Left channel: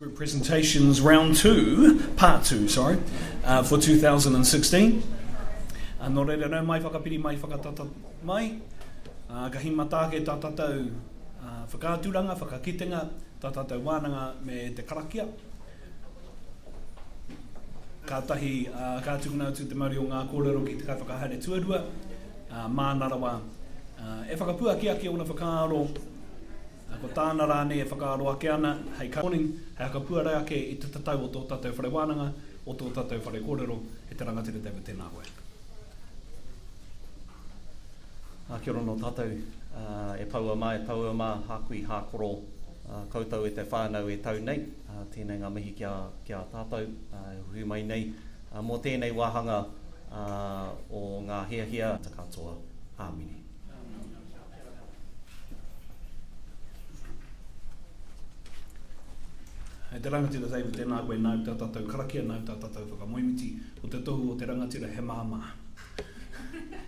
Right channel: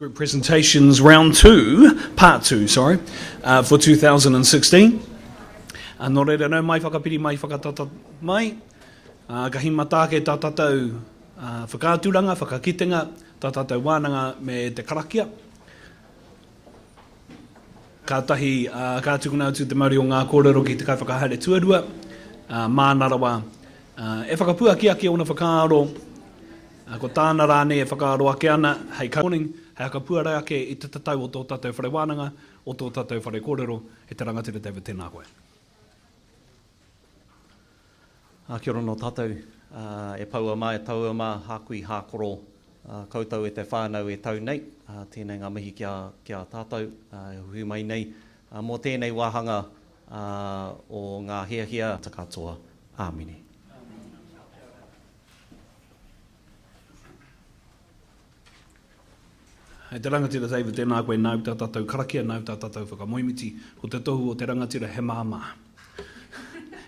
Group presentations round 2, part 2, sorry, for 2016. Nō reira nau mai whakapiri mai whakatata mai, kahi matake tā tātou whakāturanga, whakakitenga, tā tātou wānanga me te karakia. Ka tahi kātukuna atu te mauri o ngā kōrero ki te kai whakahaere tuarua, mānarawa, e whakapua ki ake ona whakaaro, ko tāna rāne e whakaaro ake ana, hei morning, hei kapua rai ake i te tatau o tō tātou whare wānanga, o tō tātou whare kōrero, e te rangatira David tēnā koe. Kia ora no tātou, e paua mai, e taua mā, hākui hākoro, koutou e te whānau e tau nei, tēnei ngā mihi kia tātou, hui mai nei, mō tēnei wāhanga o ngā hea takatoa, āmini. Hei te rangatira David tēnā koe nau tā tātou karakia, nau tā tātou whakamoimiti, ko te tohu o te rangatira he māmā.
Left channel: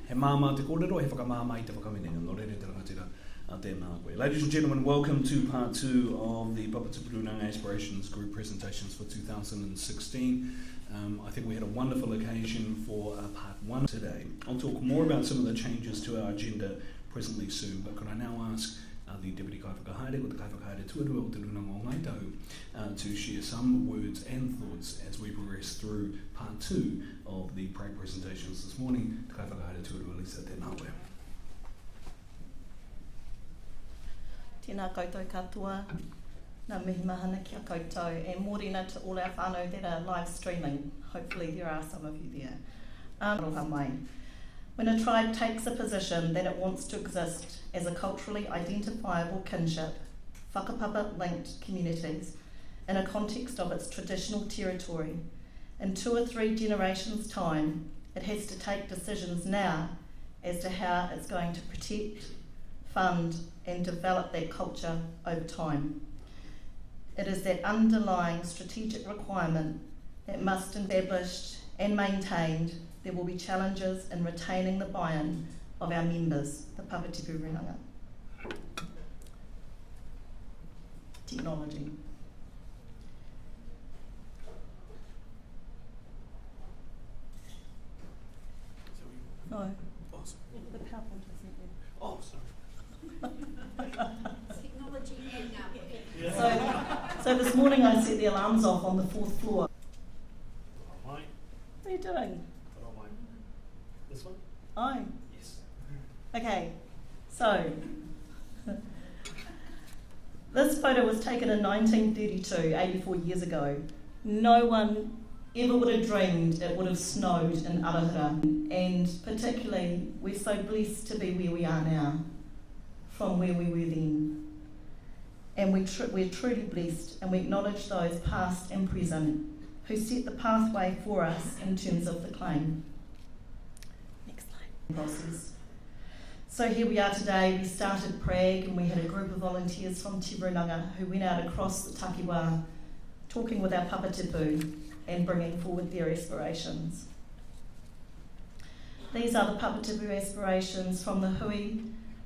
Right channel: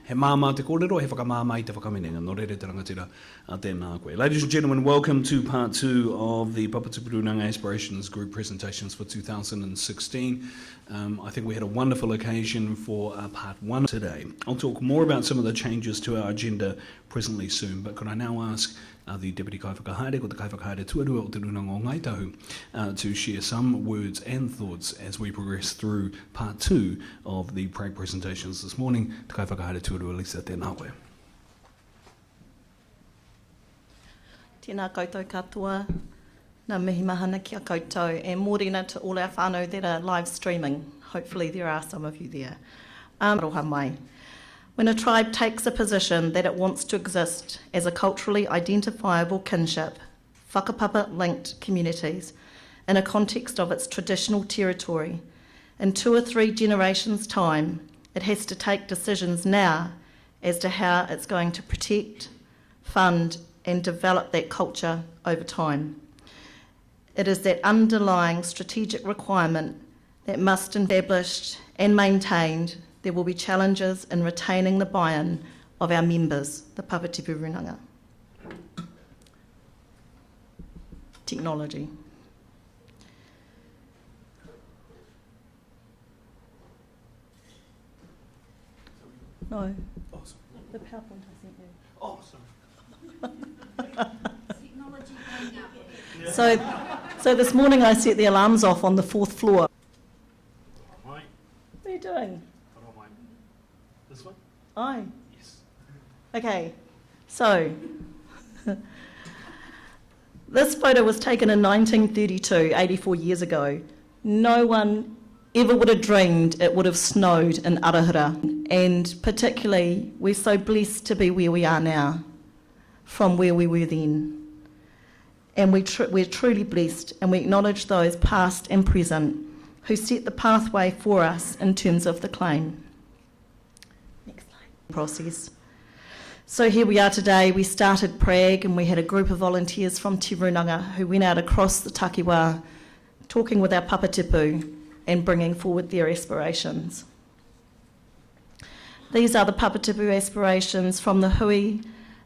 He māmā te kōrero, he whakamāmā i te whakamenenga, nō rere te rangatira tēnā koe. Ladies and gentlemen, welcome to part 2 of the Papatipu Rūnanga Aspirations Group presentations for 2016. I think we had a wonderful occasion for part 1 today. I'll talk more about some of the changes to our agenda presently soon, but could I now ask the Deputy Kai Whakahaere, ko te Kai Whakahaere tuarua o Te Rūnanga o Ngāi Tahu, to share some words and thoughts as we progress through part 2 of the Prag presentations this morning. Te Kai Whakahaere tuarua, Lisa, tēnā koe. Tēnā koutou katoa, nā mihi mahana kia koutou, and mōrena to all our whānau that are live streaming. Hopefully there are some of you there. Roha mai. When a tribe takes a position that it wants to exist as a culturally identifiable kinship, whakapapa-linked communities, in a context of its traditional territory, in 2 or 3 generations' time, it has to take decisions now as to how it's going to protect, fund, and develop that culture over time. It is that underlying strategic requirement that must be established and maintained. There will be challenges in retaining the buy-in of our members, the Papatipu Rūnanga. Technology. No. Awesome. The PowerPoint isn't there. Awesome. So this morning I set the alarms off on the 4th floor. Right. What are you doing? This one? Oh. Yes. Okay, so this photo was taken in 1932, 84 years ago. No one ever would have dreamed it would have snowed in Arahura, and particularly we're so blessed to be where we are now from where we were then. And we're truly blessed, and we acknowledge those past and present who set the pathway for us in terms of the claim. Process. So here we are today. We started Prag and we had a group of volunteers from Te Rūnanga who went out across the takiwā talking with our Papatipu and bringing forward their aspirations. These are the Papatipu aspirations from the hui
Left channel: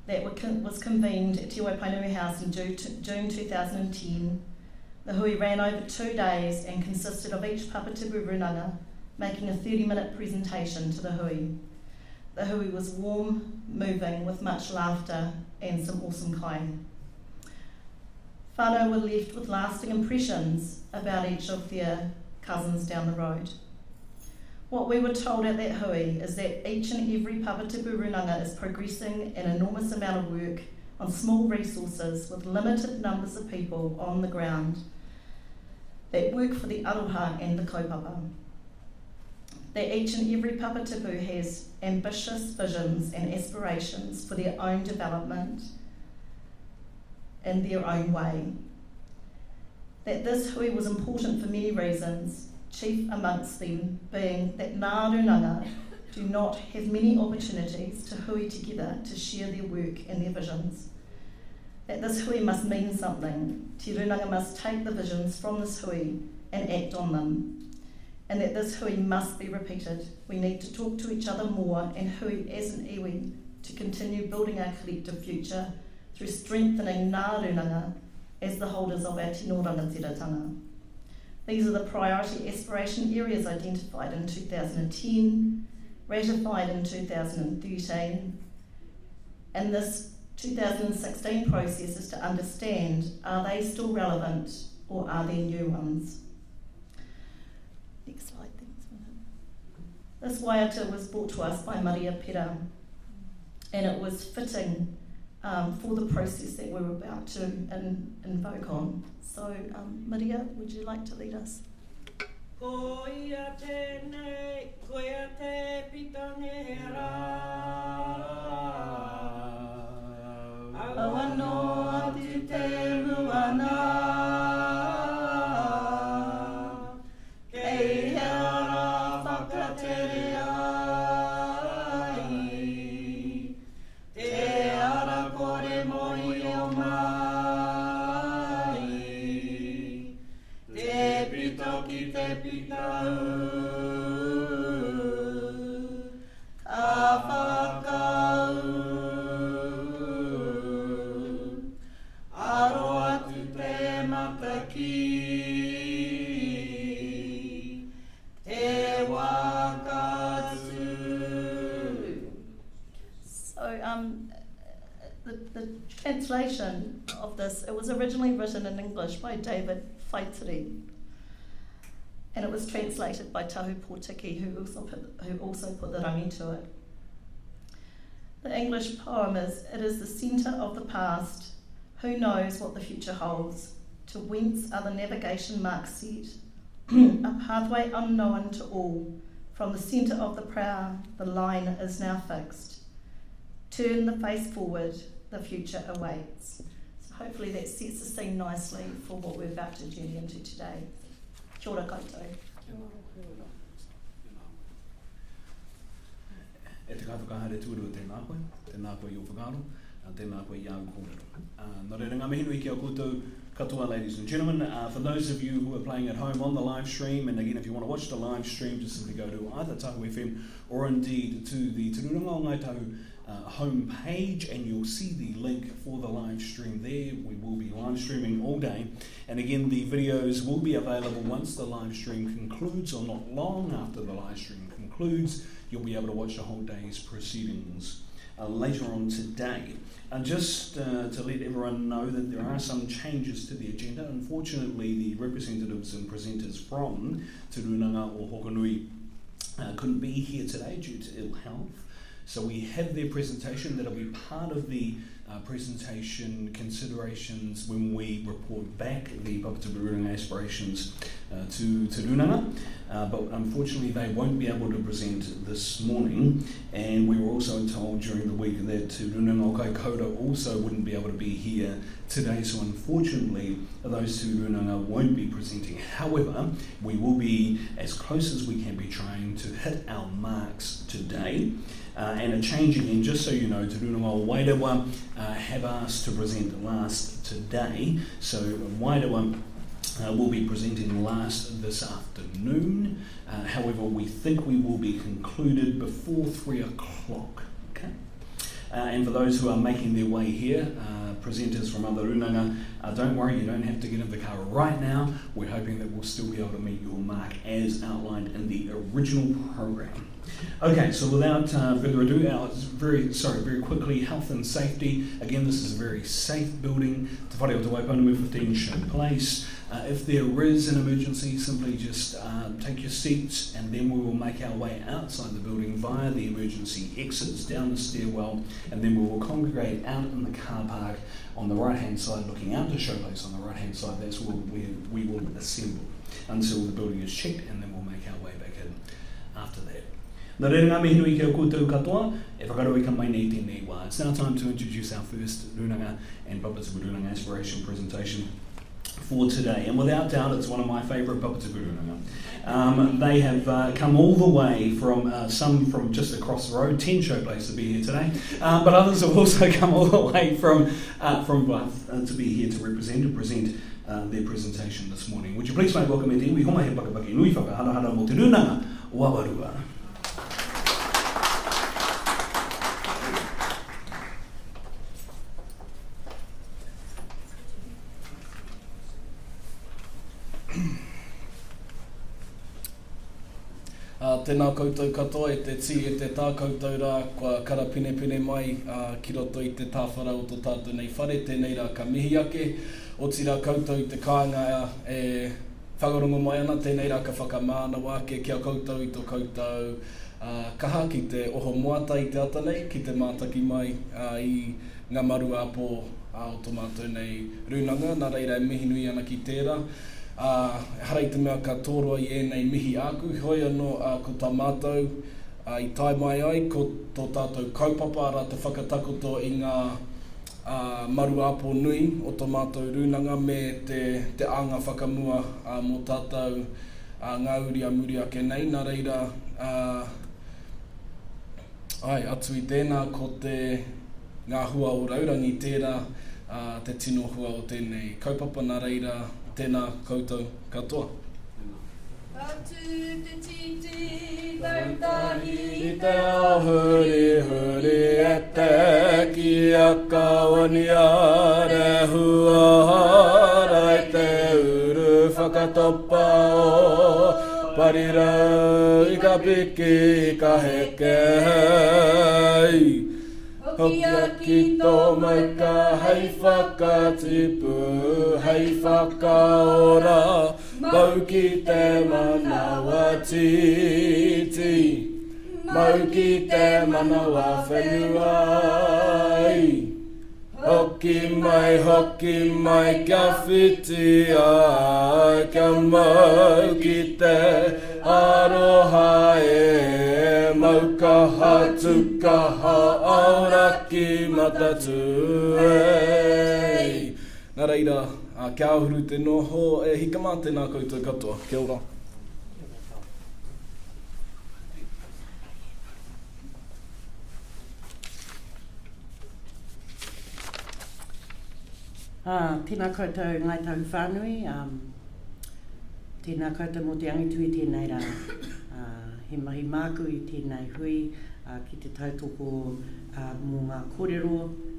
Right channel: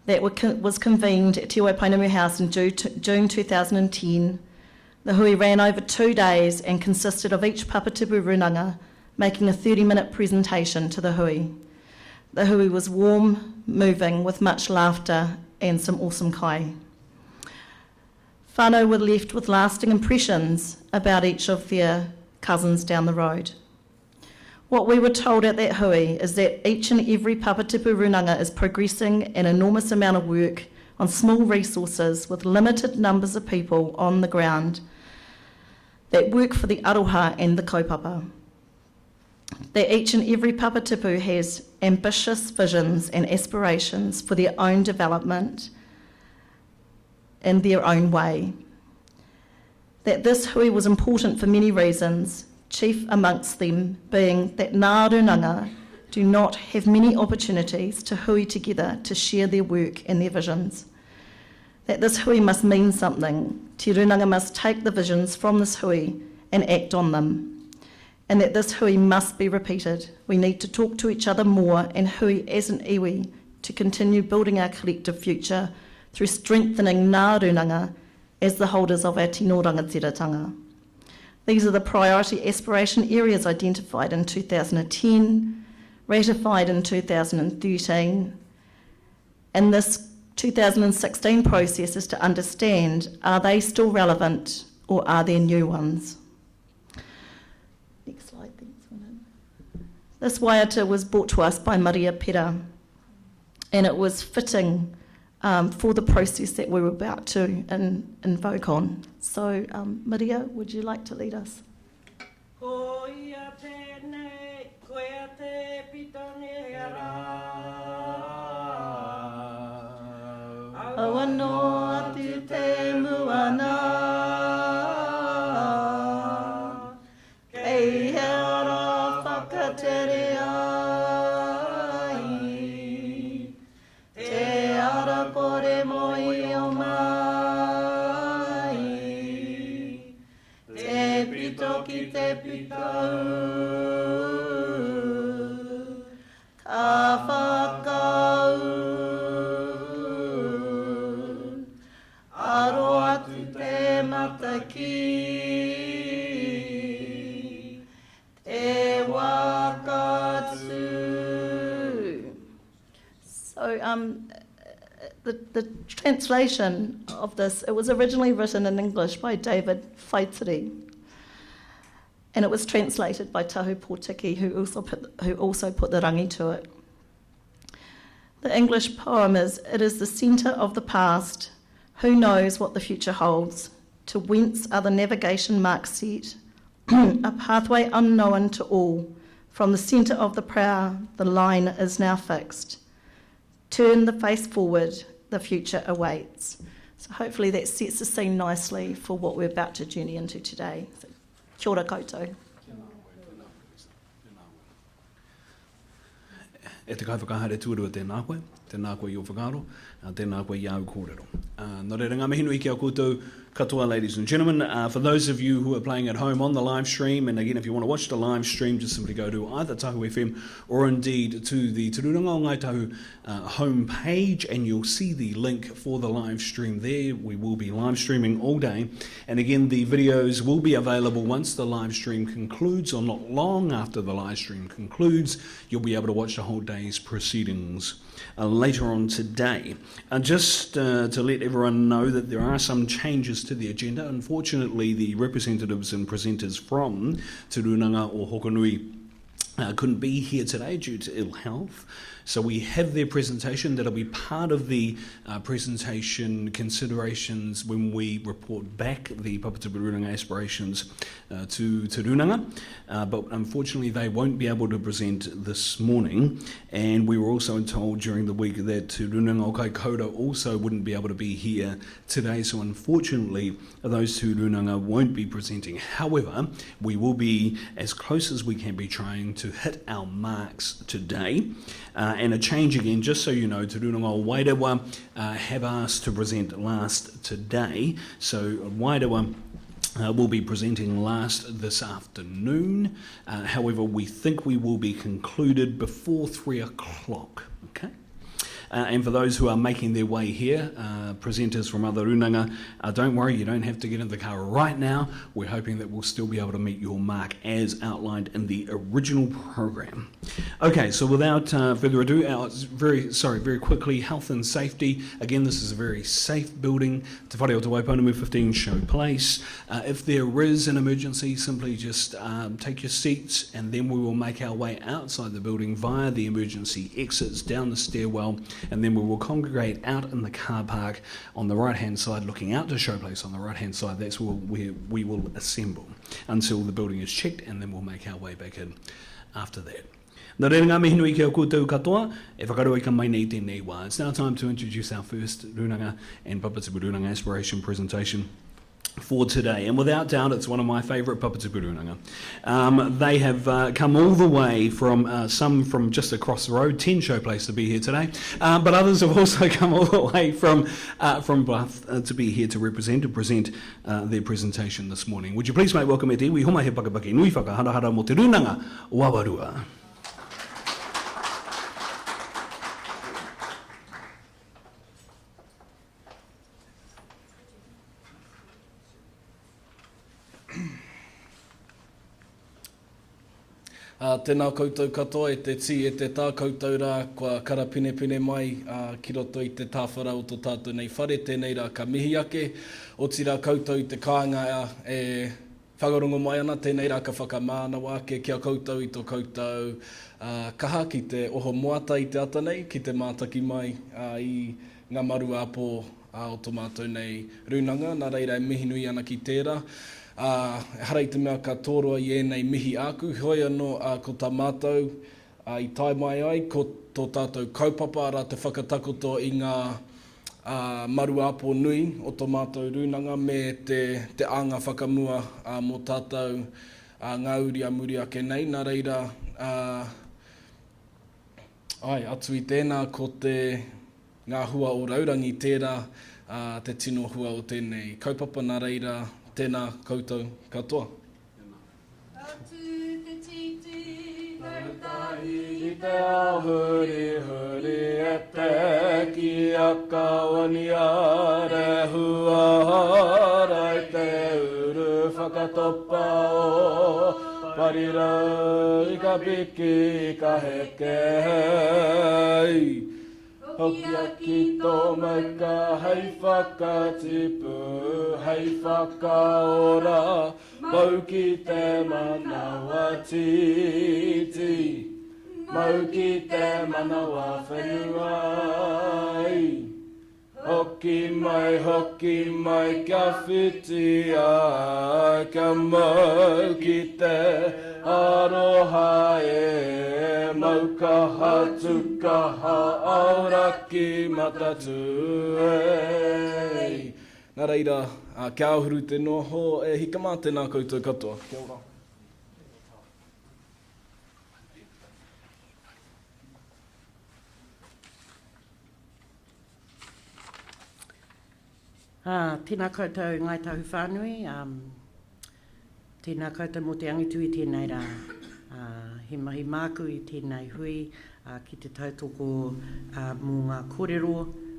that was convened at Te Waipounamu House in June 2010. The hui ran over 2 days and consisted of each Papatipu Rūnanga making a 30-minute presentation to the hui. The hui was warm, moving, with much laughter and some awesome kai. Whānau were left with lasting impressions about each of their cousins down the road. What we were told at that hui is that each and every Papatipu Rūnanga is progressing an enormous amount of work on small resources with limited numbers of people on the ground that work for the aroha and the kaupapa. That each and every Papatipu has ambitious visions and aspirations for their own development in their own way. That this hui was important for many reasons, chief amongst them being that Ngā Rūnanga do not have many opportunities to hui together to share their work and their visions. That this hui must mean something. Te Rūnanga must take the visions from this hui and act on them. And that this hui must be repeated. We need to talk to each other more and hui as an iwi to continue building our collective future through strengthening Ngā Rūnanga as the holders of our tino rangatiratanga. These are the priority aspiration areas identified in 2010, ratified in 2013, and this 2016 process is to understand, are they still relevant or are there new ones? Next slide, thanks. This waiata was brought to us by Maria Pera, and it was fitting for the process that we were about to invoke on. So, Maria, would you like to lead us? Ko ia tēnei, ko ia te pitonera. Aua noa atu te muana, kei he ara whakatere ai, te ara kore moi o mai, te pito ki te pitau, ka whakau, aro atu te mataki, te wakatu. So, the translation of this, it was originally written in English by David Whaitiri, and it was translated by Tahu Pōtiki, who also put the rangi to it. The English poem is, "It is the centre of the past. Who knows what the future holds? To whence are the navigation marks set? A pathway unknown to all. From the centre of the prow, the line is now fixed. Turn the face forward, the future awaits." So hopefully that sets the scene nicely for what we're about to journey into today. So, kia ora koutou. E te kaiwhakahaere tūrua tēnā koe i o whakaaro, tēnā koe i au kōrero. Nō reira ngā mihi nui ki a koutou katoa, ladies and gentlemen. For those of you who are playing at home on the live stream, and again, if you want to watch the live stream, just simply go to either Tahu FM or indeed to the Te Rūnanga o Ngāi Tahu homepage, and you'll see the link for the live stream there. We will be live streaming all day, and again, the videos will be available once the live stream concludes, or not long after the live stream concludes. You'll be able to watch the whole day's proceedings later on today. Just to let everyone know that there are some changes to the agenda. Unfortunately, the representatives and presenters from Te Rūnanga o Hokonui couldn't be here today due to ill health. So we have their presentation that'll be part of the presentation considerations when we report back the Papatipu Rūnanga Aspirations to Te Rūnanga. But unfortunately they won't be able to present this morning, and we were also told during the week that Te Rūnanga o Kaikoura also wouldn't be able to be here today, so unfortunately those Te Rūnanga won't be presenting. However, we will be as close as we can be trying to hit our marks today. And a change again, just so you know, Te Rūnanga o Wairewa have asked to present last today, so Wairewa will be presenting last this afternoon. However, we think we will be concluded before 3 o'clock. Okay? And for those who are making their way here, presenters from other Rūnanga, don't worry, you don't have to get in the car right now. We're hoping that we'll still be able to meet your mark as outlined in the original program. Okay, so without further ado, very quickly, health and safety. Again, this is a very safe building. Te Whare o Te Waipounamu 15 Show Place. If there is an emergency, simply just take your seats, and then we will make our way outside the building via the emergency exits down the stairwell, and then we will congregate out in the car park on the right hand side, looking out to Show Place on the right hand side. That's where we will assemble until the building is checked, and then we'll make our way back in after that. Nā reira ngā mihi nui ki au koutou katoa, e whakarua ka mai nei tēnei wā. It's now time to introduce our first Rūnanga and Papatipu Rūnanga Aspiration presentation for today, and without doubt it's one of my favourite Papatipu Rūnanga. They have come all the way from some from just across the road, 10 Show Place, to be here today, but others have also come all the way from Bath to be here to present their presentation this morning. Would you please make welcome e te iwi homa he pakapaki nui whakaharahara mo Te Rūnanga Wawarua. Tēnā koutou katoa e te ti e te tā koutou rā kua karapine mai ki roto i te tāwhara o tō tātou nei whare, tēnei rā ka mihi ake, o tira koutou i te kāinga e whagarongo mai ana, tēnei rā ka whakamānau ake kia koutou i tō koutou kaha ki te oho moata i te ata nei, ki te mātaki mai i ngā maru āpō o tō mātou nei rūnanga, nā reira e mihi nui ana ki tērā. Harai te mea ka tōroa i ēnei mihi āku, hoi anō ko tā mātou i tai mai ai, ko tō tātou kaupapa ara te whakatakoto i ngā maru āpō nui o tō mātou rūnanga me te anga whakamua mō tātou ngā uria muri ake nei, nā reira atu i tēnā ko te ngā hua o Raurangi tērā, te tino hua o tēnei kaupapa, nā reira tēnā koutou katoa. Atu te titi, tautahi i te ao huri e te ki a kawani are hua hara e te uru whakatopa o parirau i ka piki i ka heke hei. Hoki aki tō mauka hei whakatipu, hei whakaora, mau ki te manawa titi, mau ki te manawa whenua ai. Hoki mai kia whiti ai, kia mau ki te aroha e maukaha tukaha auraki matatu e. Nā reira, kia ahuru te noho e hikama tēnā koutou katoa. Kia ora. Tēnā koutou Ngāi Tahu whānui, tēnā koutou mō te angitu i tēnei rā, he mahi māku i tēnei hui, ki te tautoko mō ngā kōrero,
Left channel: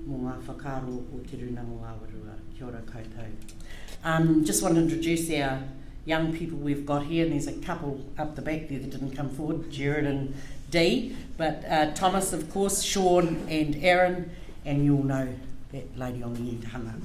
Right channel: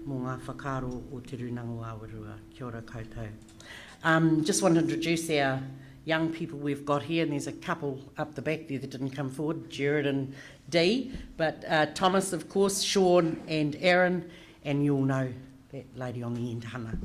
mō ngā whakaro o Te Rūnanga o Awarua. Kia ora koutou. Just want to introduce our young people we've got here, and there's a couple up the back there that didn't come forward, Jared and Dee, but Thomas, of course, Sean and Aaron, and you'll know that lady on the end, Hannah.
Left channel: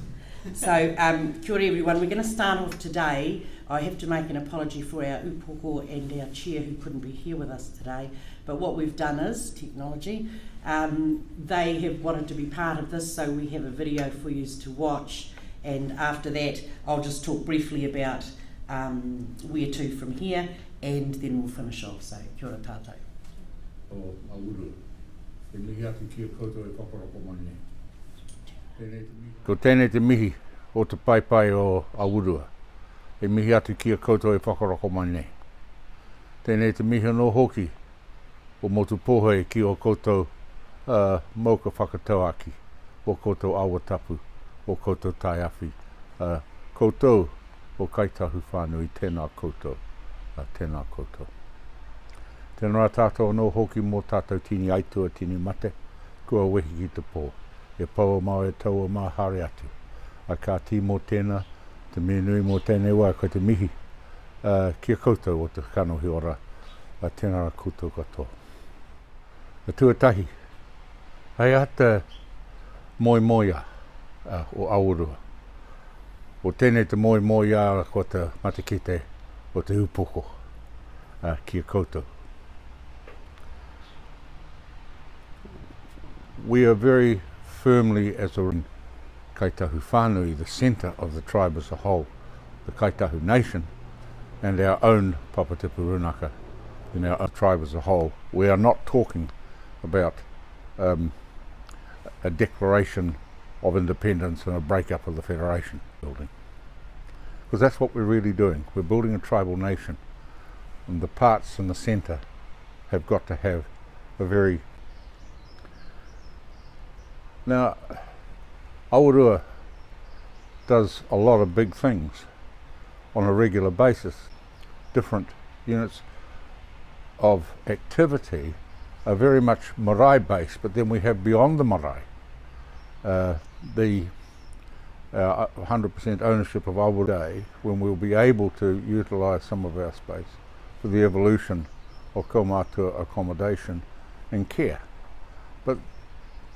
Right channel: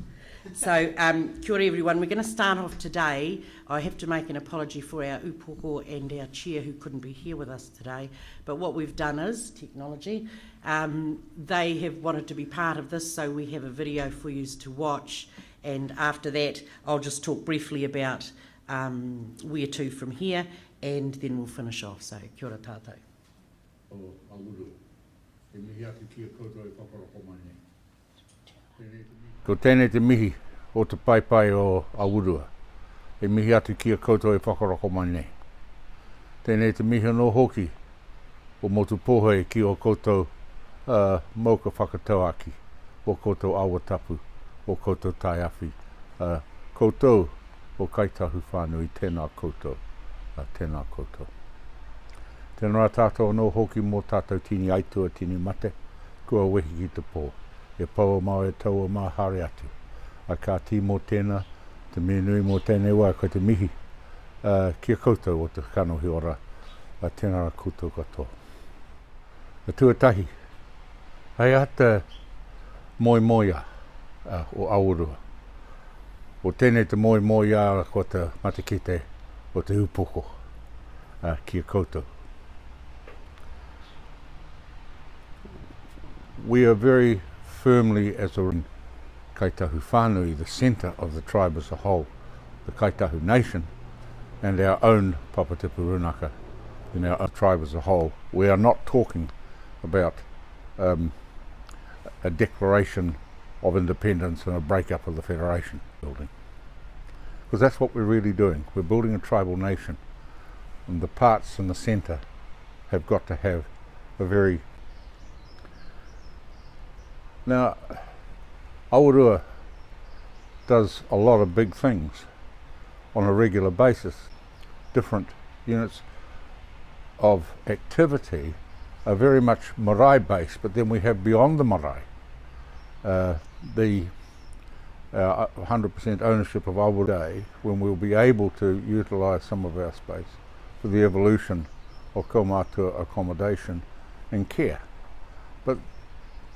So, kia ora everyone. We're going to start off today. I have to make an apology for our upoko and our chair who couldn't be here with us today. But what we've done is, technology, they have wanted to be part of this, so we have a video for you to watch. And after that, I'll just talk briefly about where to from here, and then we'll finish off. So, kia ora tātou. O Auru, e mihi atu kia koutou e whakaroko mai nei. Ko tēnei te mihi o te paipai o Aurua, e mihi atu kia koutou e whakaroko mai nei. Tēnei te mihi no hoki o motu pohoi ki o koutou mauka whakatauaki, o koutou awatapu, o koutou taiawhi. Koutou o Ngāi Tahu whānui, tēnā koutou, tēnā koutou. Tēnā rā tātou no hoki mō tātou tini aitua, tini mate, kua wehi ki te pō. E paua mau e taua mā hare atu. A kā tī mō tēnā, te menui mō tēnei wā, koe te mihi, kia koutou o te kanohi ora, tēnā rā koutou katoa. A tuatahi, hei ata moia o Aurua. O tēnei te moia ko te matakite o te upoko, kia koutou. We are very firmly as a Ngāi Tahu whānui, the centre of the tribe as a whole, the Ngāi Tahu nation, and our own Papatipu Rūnanga in our own tribe as a whole. We are not talking about a declaration of independence and a break-up of the federation building. Because that's what we're really doing. We're building a tribal nation, and the parts in the centre have got to have a very... Now, Aurua does a lot of big things on a regular basis. Different units of activity are very much marae based, but then we have beyond the marae the 100% ownership of Aurua Day, when we'll be able to utilise some of our space for the evolution o kaumātua accommodation and care. But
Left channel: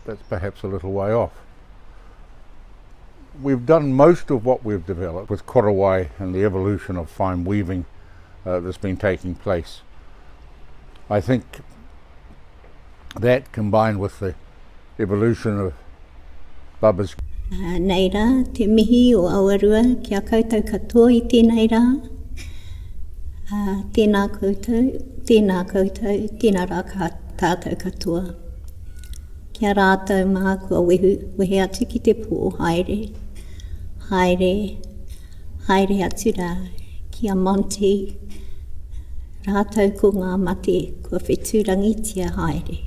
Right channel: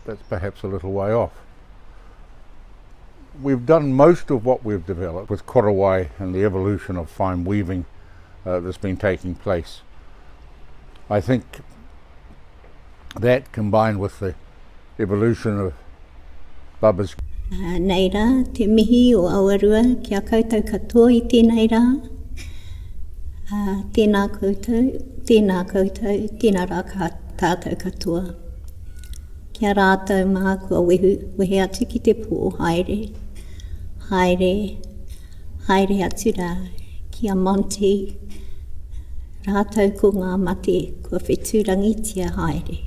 that's perhaps a little way off. We've done most of what we've developed with korowai and the evolution of fine weaving that's been taking place. I think that combined with the evolution of Baba's Nei rā, te mihi o Awarua kia koutou katoa I tēnei rā. Tēnā koutou, tēnā rā tātou katoa. Kia rātou mā kua wehe atu ki te pō, haere, atu rā, kia Monty, rātou ko ngā mate, kua whetūrangitia haere.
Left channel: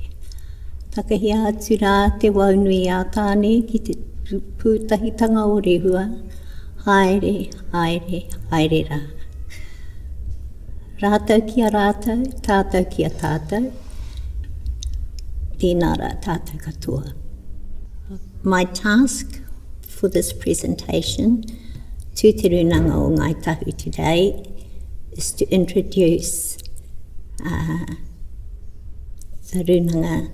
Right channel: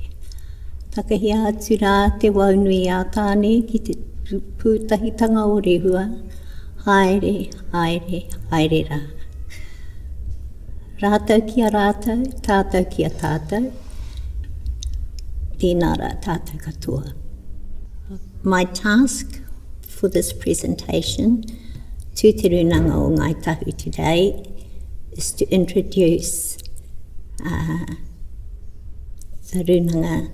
Takahia atu rā te waunui a tāne ki te pūtahitanga o rehua, haere rā. Rātou kia rātou, tātou kia tātou, tēnā rā tātou katoa. My task for this presentation to Te Rūnanga o Ngāi Tahu today is to introduce the Rūnanga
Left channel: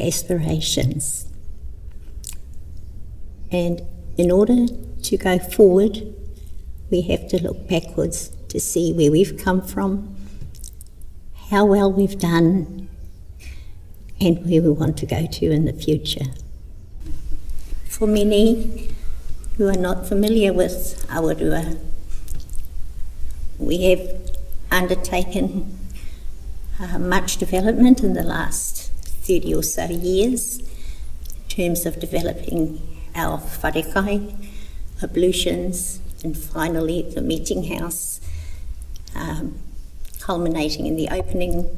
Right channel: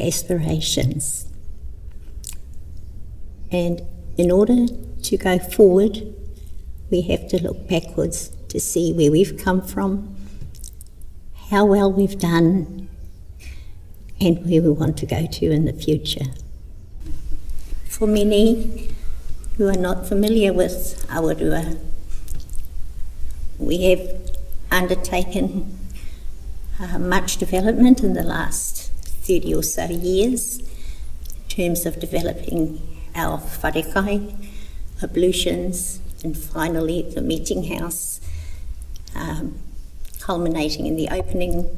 Aspirations. And in order to go forward, we have to look backwards to see where we've come from, how well we've done, and where we want to go to in the future. For many who are not familiar with Awarua, we have undertaken much development in the last 30 or so years in terms of developing our wharekai, ablutions, and finally the meeting house, culminating in the opening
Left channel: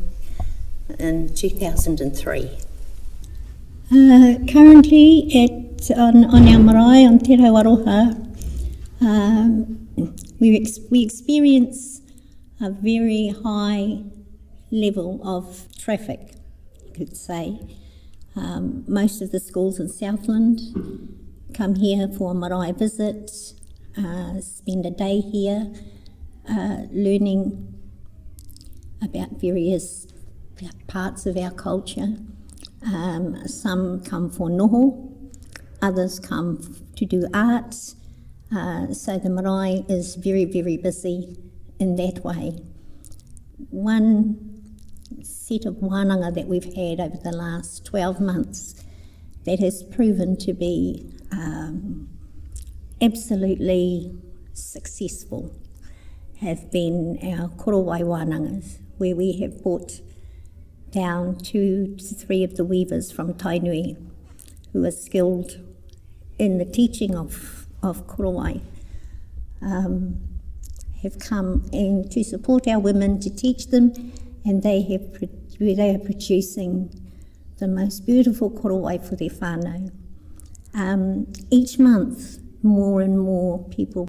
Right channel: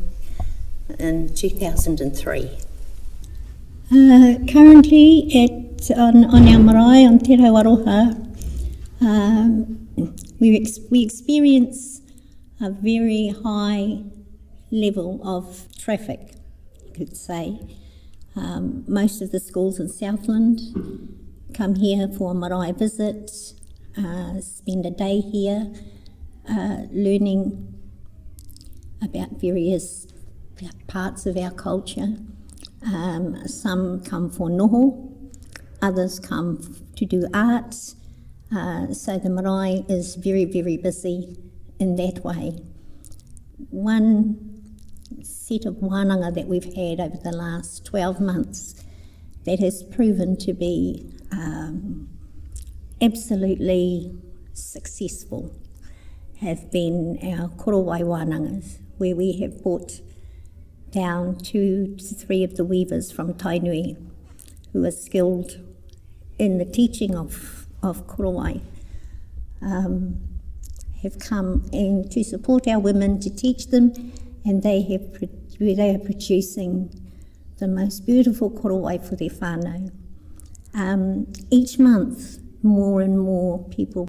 in 2003. Currently on our marae on Te Waroha, we experience a very high level of traffic, you could say. Most of the schools in Southland come here for a marae visit, spend a day here learning about various parts of our culture. Some come for noho, others come to do arts, so the marae is very, very busy in that way. One set of whānanga that we've had over the last 12 months that has proven to be absolutely successful have been our korowai wānangas, where we have brought down 2 to 3 of the weavers from Tainui who are skilled in the teaching of korowai, have come in to support our women, to teach them, and they are producing the most beautiful korowai for their whānau. Each month, more and more people